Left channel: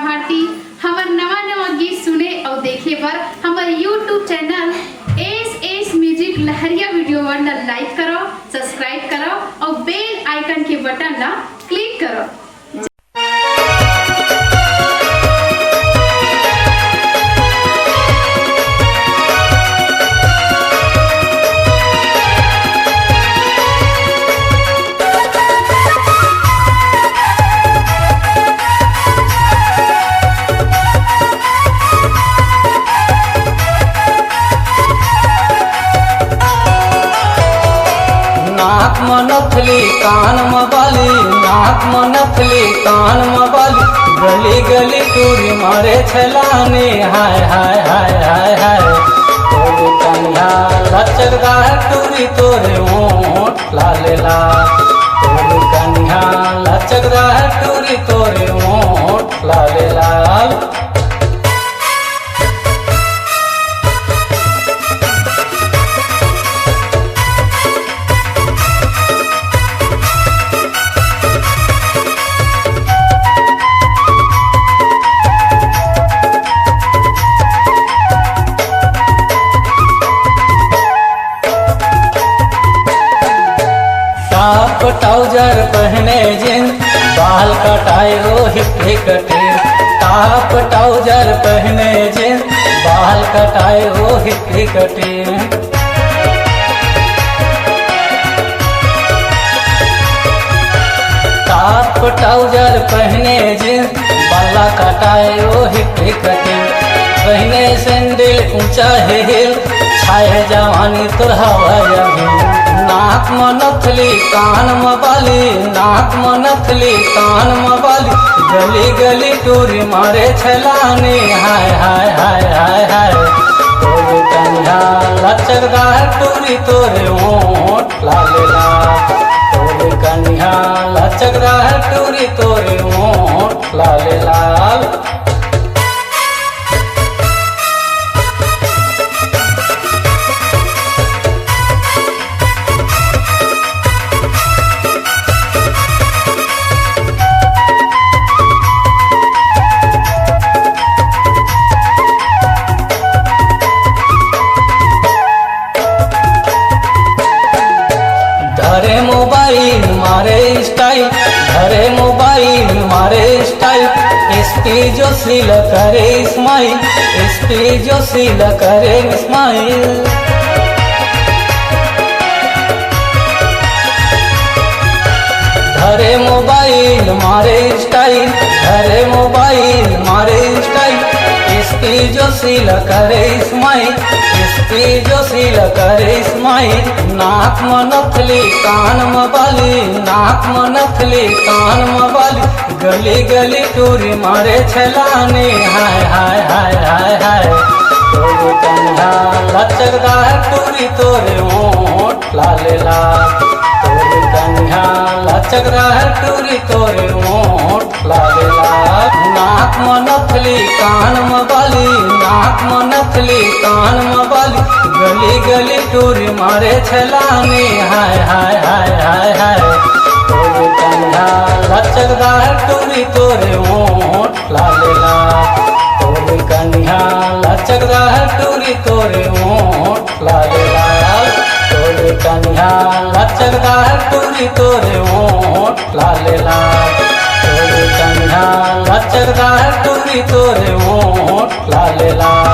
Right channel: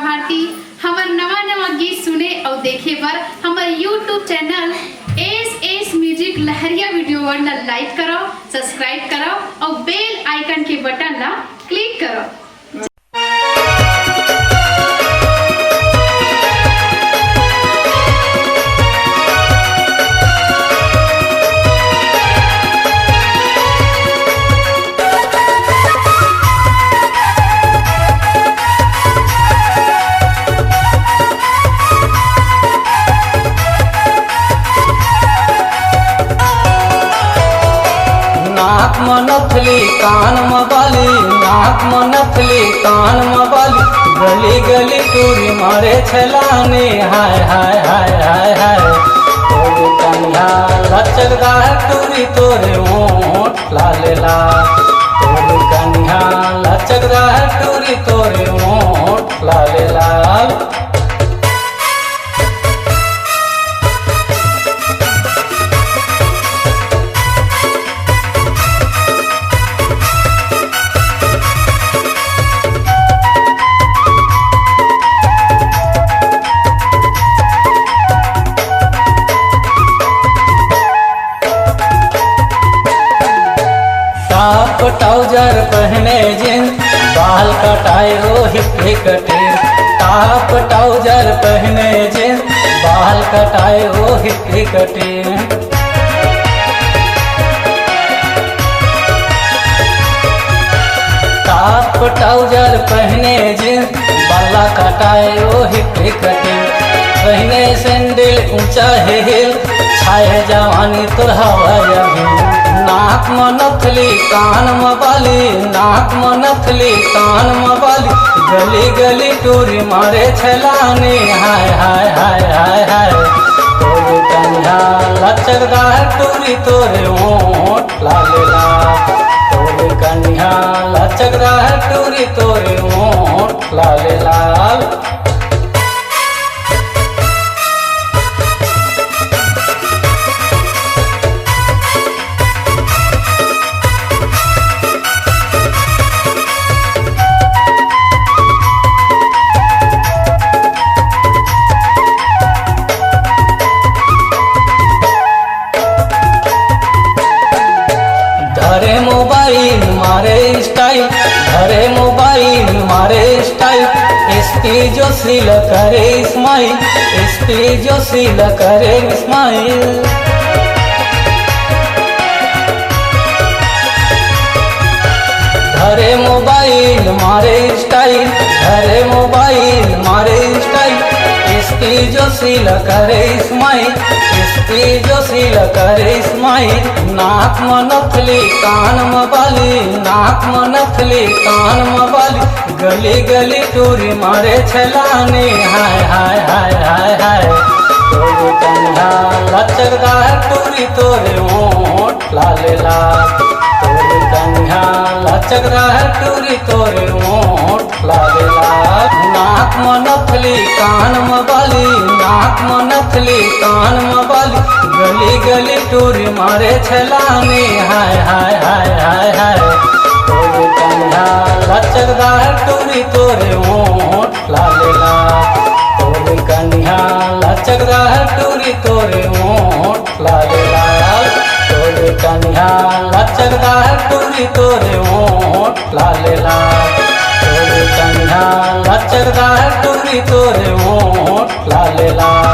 भारती। हमार नवा नवा गीत सुने और देखे पर हमार यूट्यूब चैनल एस म्यूजिक लहरिया वीडियो वन लाइक करो, सब्सक्राइब करो और बेल आइकन के बटन ला क्लिक करो। नथली कान मबाली, नाक नथली कान मबाली, गली गली टूरी मारे छलाने, हाय हाय हाय हाय हाय। तोरी कंधा लचकदार टूरी तोरे ओठ लाल लाल, तोरी कंधा लचकदार टूरी तोरे ओठ लाल लाल। ट्राउजर पहने जींस, बाल कटाए वो हिप्पी कटे। टॉप ट्राउजर पहने जींस, बाल कटाए वो हिप्पी कटे। टॉप ट्राउजर पहने जींस, बाल कटाए वो हिप्पी कटे। पहने सैंडल ऊंचा है हिल, छाए जवानी तो हवा नाक नथली कान मबाली, नाक नथली कान मबाली, गली गली टूरी मारे छलाने, हाय हाय हाय हाय हाय। तोरी कंधा लचकदार टूरी तोरे ओठ लाल लाल, तोरी कंधा लचकदार टूरी तोरे ओठ लाल लाल। धरे मोबाइल मारे स्टाइल, धरे मोबाइल मारे स्टाइल, एसपी जोशी करे स्माइल, एसपी जोशी करे स्माइल। धरे मोबाइल मारे स्टाइल, धरे मोबाइल मारे स्टाइल, एसपी जोशी करे स्माइल, एसपी जोशी करे स्माइल। नाक नथली कान मबाली, नाक नथली कान मबाली, गली गली टूरी मारे छलाने, हाय हाय हाय हाय हाय। तोरी कंधा लचकदार टूरी तोरे ओठ लाल लाल, तोरी कंधा लचकदार टूरी तोरे ओठ लाल लाल। नाक नथली कान मबाली, नाक नथली कान मबाली, गली गली टूरी मारे छलाने, हाय हाय हाय हाय हाय। तोरी कंधा लचकदार टूरी तोरे ओठ लाल लाल, तोरी कंधा लचकदार टूरी तोरे ओठ लाल लाल, तोरी कंधा लचकदार टूरी तोरे ओठ लाल लाल, तोरी कंधा लचकदार टूरी तोरे ओठ लाल लाल।